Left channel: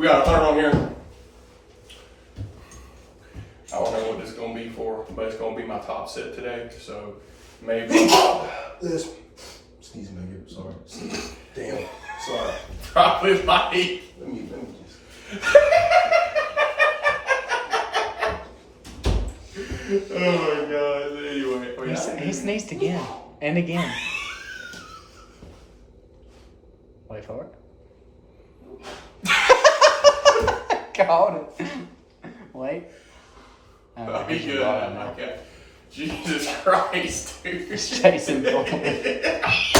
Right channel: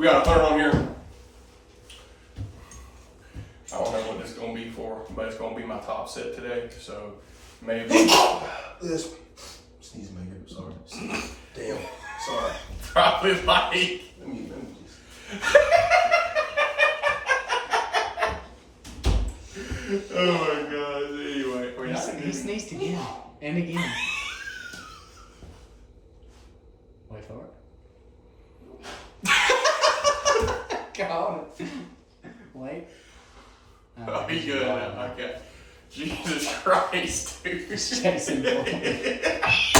We got a third on here. I don't know what this is going to be for, but it's going to be my top set today. So maybe This. Sneezing my ear. Sorry. Damn. Sorry. probably like. Let me just. Oh my god. Anyway, He sneezed again and again. Wait for it. Caught it. Wait. Oh, he good. Okay. Jesus Christ, dude. He's chasing for me.